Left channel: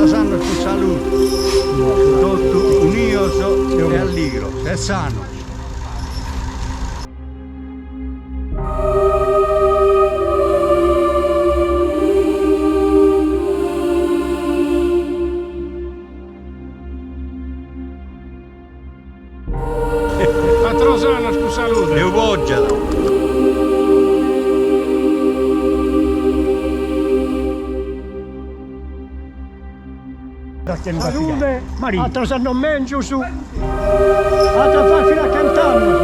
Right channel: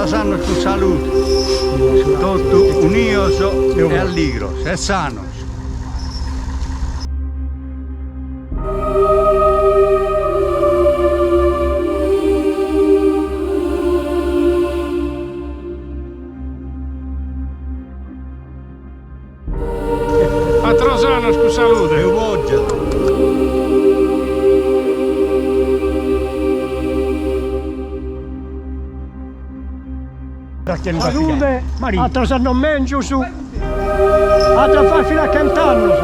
todos anos con salud, todos unidos e alegres, e sanos. A todos anos con salud. Eu voglio. Salute, altro sanno mangio su, altro fa fino a cantano,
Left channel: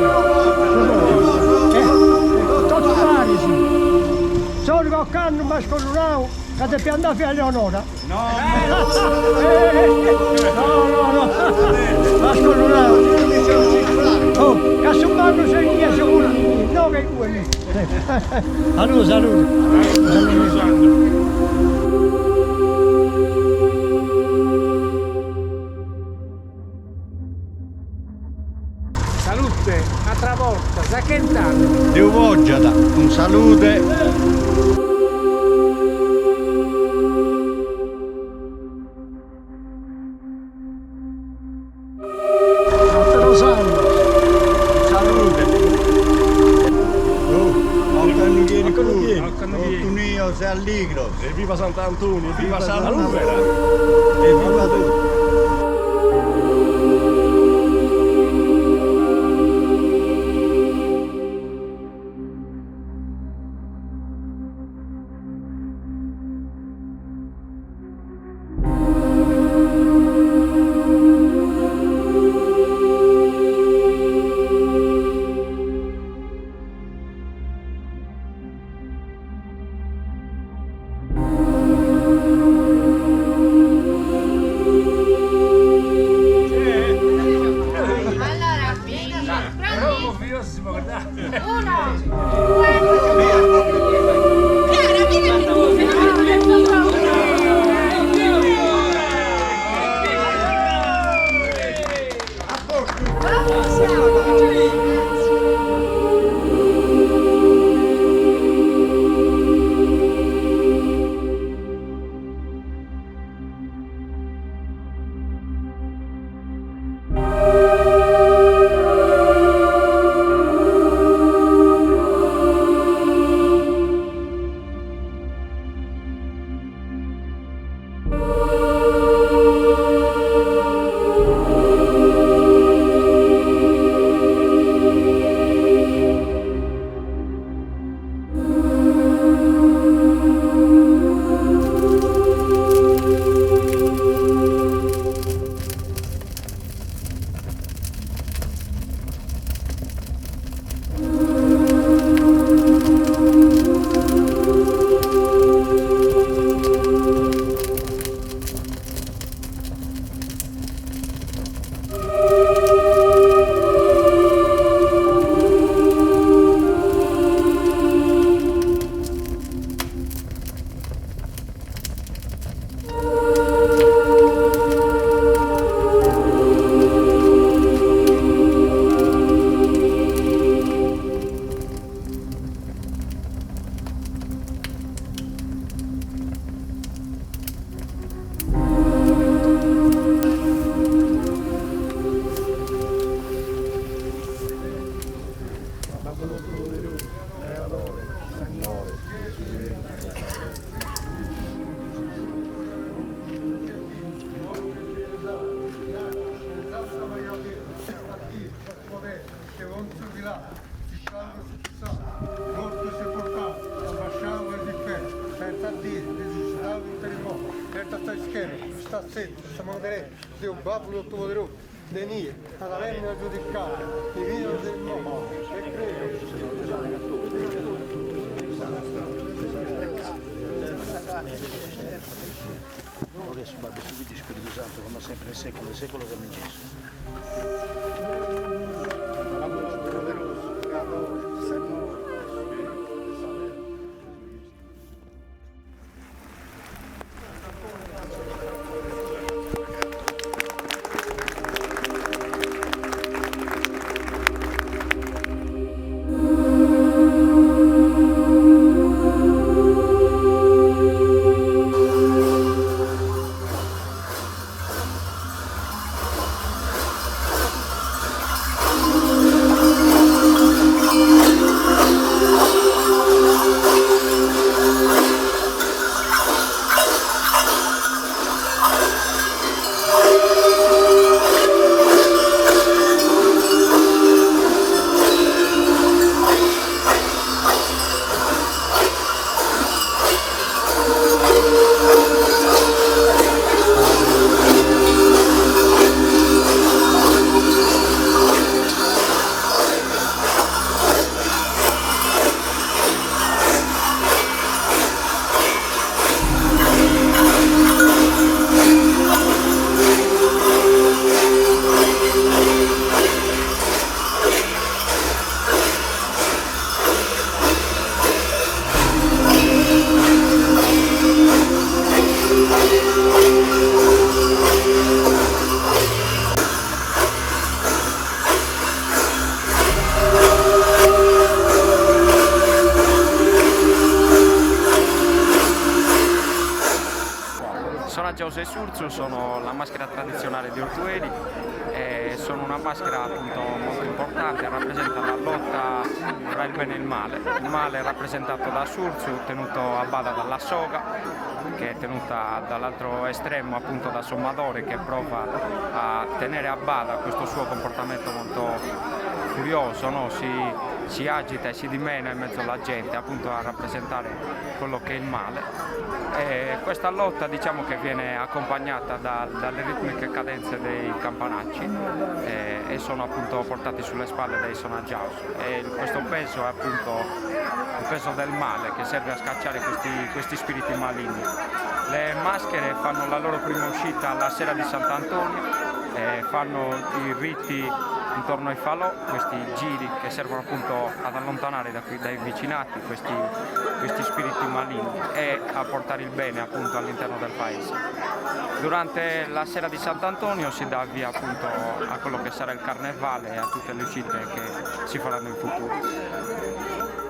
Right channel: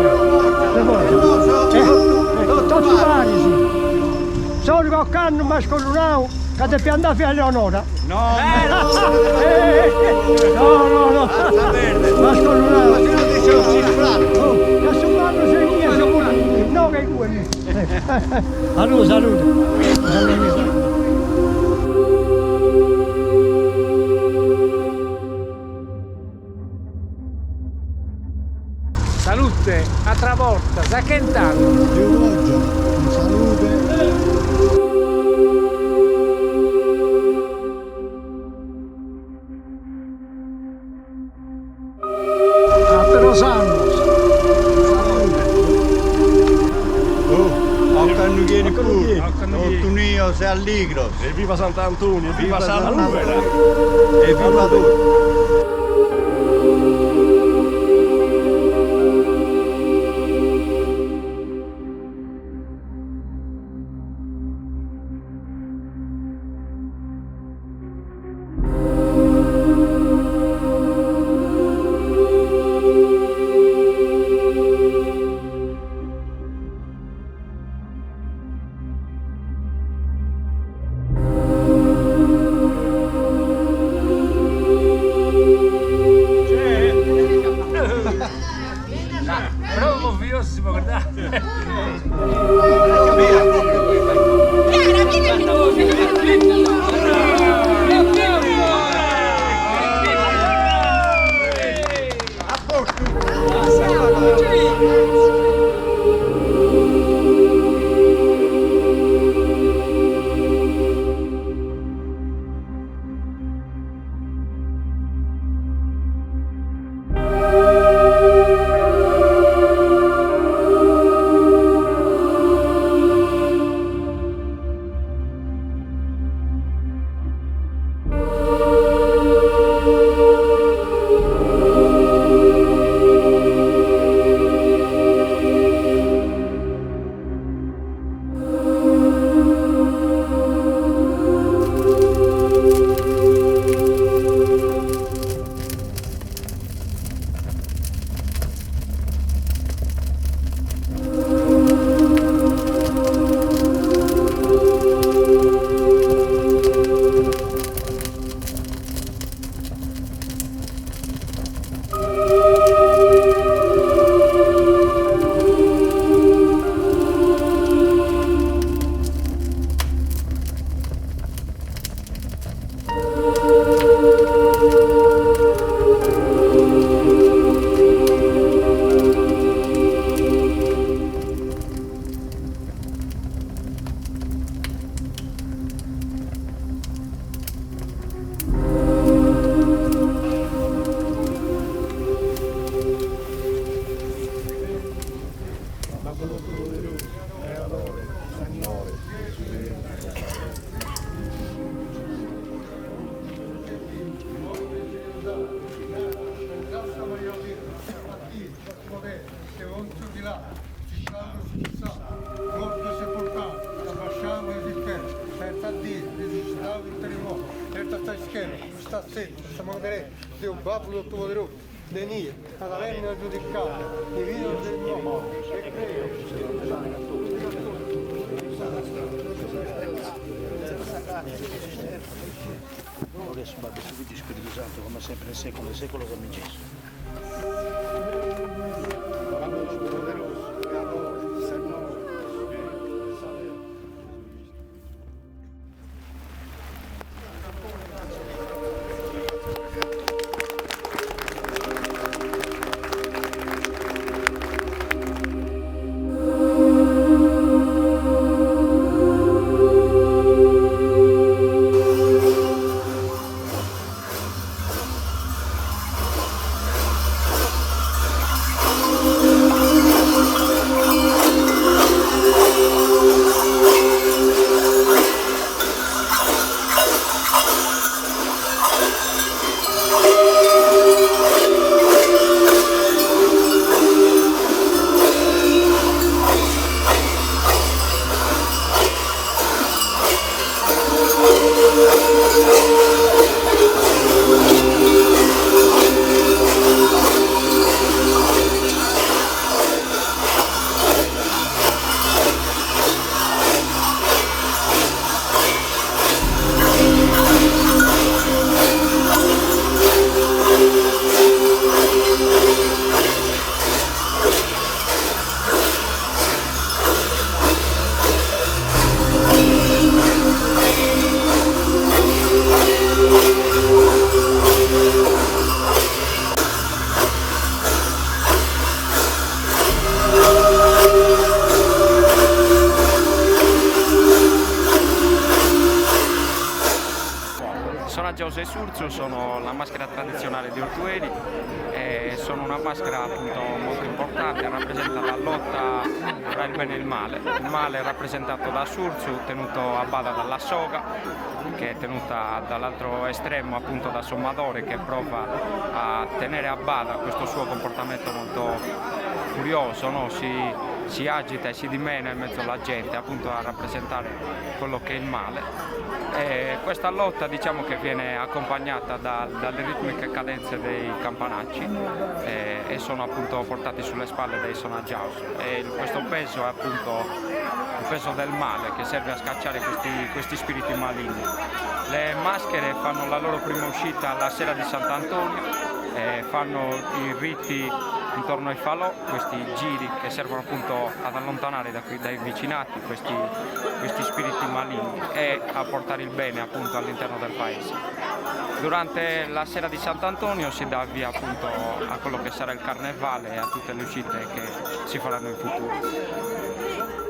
tutti vari, sì. Solo con canno mascolunao, che ti pianta fino a Leonora. No, no, mascolunao. Oh, che su mano sei mia, sei pure no che quelli. Salute. Salute, altra volta, sa che intanto. Dio voglio, con salute. Sanno. Salute. Anche viene pure, tutti unidos e allegros. E viva Sant'Antonio, Viva Santa Ruvera. E viva tutti. Bravo, figlio, si può guardare. Chiara, vieni tu. Molto sepoltato, abbasciamo il inferno, senza Dio, necessitavo il terremoto, certo sta schermo, sta setto, sta manderei, Dio babbo tutto poderoso, denie, alla venna giudicata, il vino del mondo, e Gloria su Padre, su Figlio e Spirito Santo, come sempre nel secolo dei secoli, amen Gesù. babbo tutto poderoso, creatore, Signore, Giose Surzu sono la maschera tradizionale di Ortueli e sono una maschera appunto molto importante, rappresenta la lotta tra il bene e il male è rappresentato da Surzu tenuto a bada dalla soga, che è tenuta dall'altro estremo appunto da Sommadore, che prova a tenere a bada questo suo comportamento molto furioso, no? Si agita e si dimena in mezzo alla gente appunto a rappresentare quello che è il male. E questa lotta diciamo che viene accompagnata dalle ritmiche cadenze dei campanacci e sono appunto portati sulle spalle dei sonaggiaus, e questo peso è appunto il peso del male che serve a scacciare questi spiriti maligni. Le maschere fanno la loro prima uscita la sera di Sant'Antonio, fanno i riti intorno ai falò, questi giri che servono appunto ad allontanare dai vicinati questi spiriti maligni e a portare il bene appunto all'interno del paese. Durante la sera di Sant'Antonio si dà via appunto a quello che sarà il carnevale e a tutte le uscite che si faranno in futuro.